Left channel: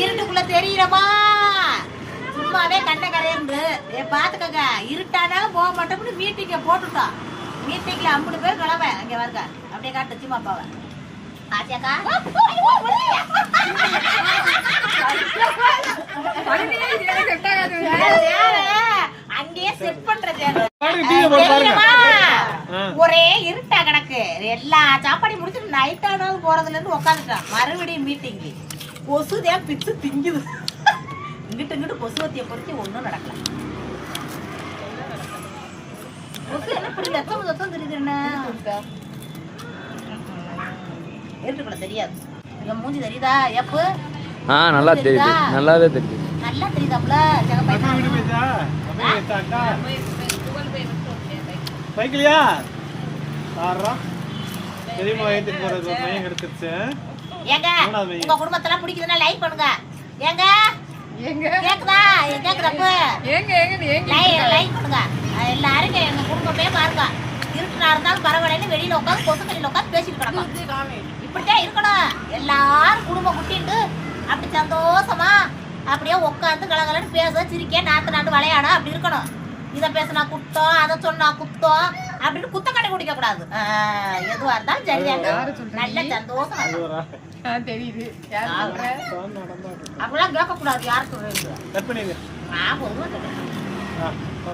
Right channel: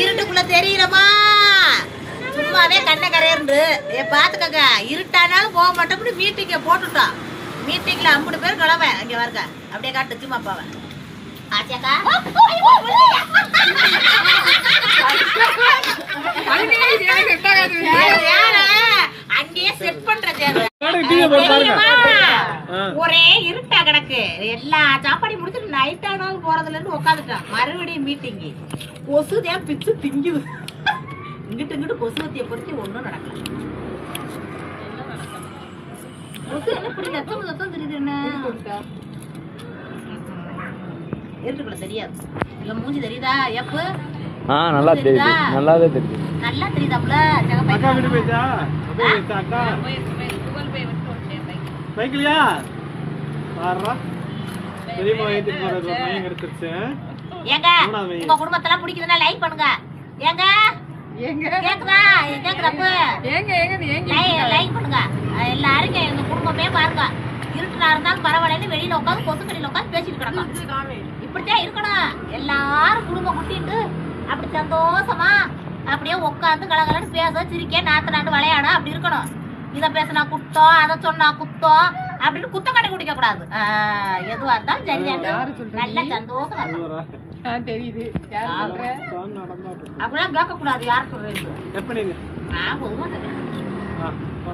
இருட்டுக்குள்ள தெரியலமா சும்மாவே கண்ண கரையன்று பாத்துக்கங்க. இருட்டானாலும் போக மாட்டோம்னு மீட்டிங்க போட்டுட்டோம். மீட்டிங்ல 50 பேர் கிளம்ப அங்க வருங்க. அப்படியே காட்டு சும்மா போவேன். ஆச்சாக்கா அங்கேயே செட் பண்ற ஒரே இருட்டா கிடக்கு. எல்லா சாப்பாடையும் முடிச்சுட்டு நைட் ஆனாலும் போறதுல இருந்து உட்காந்துட்டான். மறுபடியும் மீட்டிங்கு கொசுதான் பிச்சு திங்குது. இங்கிட்டு இங்கிட்டு கொசுவத்திய பொறுத்து ஒன்னும் நடக்கல. கொசு என்ன இப்படி லட்சம் தெரியுது. என்ன ஏற்றுக்கூட தெரியாது. இல்ல மூஞ்சி தெரியுதா? எப்ப நல்லா தெரியுது. நல்லாவே தெரியுது. நல்லா தெரியுதாப்ல. சைக்கிளியா ஆறா தெரியுமா? ஏத்திட்டு போறது பையன் எடுத்துச்சு. ஏங்க உங்க குடும்பத்தெல்லாம் பிடிக்குதுன்னா லைக் பண்ணுங்க. ஏங்க ஏங்க கேக்குதா? கேக்குறப்ப ஏங்க ஏங்க லைக் பண்ணுங்க. எல்லாரும் எங்க குடும்பமே பாருங்க. இருட்டுனா இருந்தாலும் பரவாயில்லைன்னு வெளியில உட்காந்து கொசுக்கடியில உட்காந்து பேசிட்டு கிடக்கும். இப்படித்தான் இருக்கணும். எல்லாரும் குடும்பம் குட்டிட்டு அப்படி சந்தோஷமா அப்படியே உட்காந்து கலகலன்னு பேச சிரிக்க நாட்டு விளையாட அப்படி இருக்கணும். இதை பேசினா குத்தம், அதை சொன்னா குத்தம் அப்படின்னு குத்தம் கட்டி குடிக்க கூடாது. எதுவா இருந்தாலும் சரியாங்க. நல்ல சந்தோஷம் தெரியுது. அப்படிலாம் கேட்க கூடாது. யார் சொல்றது? நான் பொதுவாக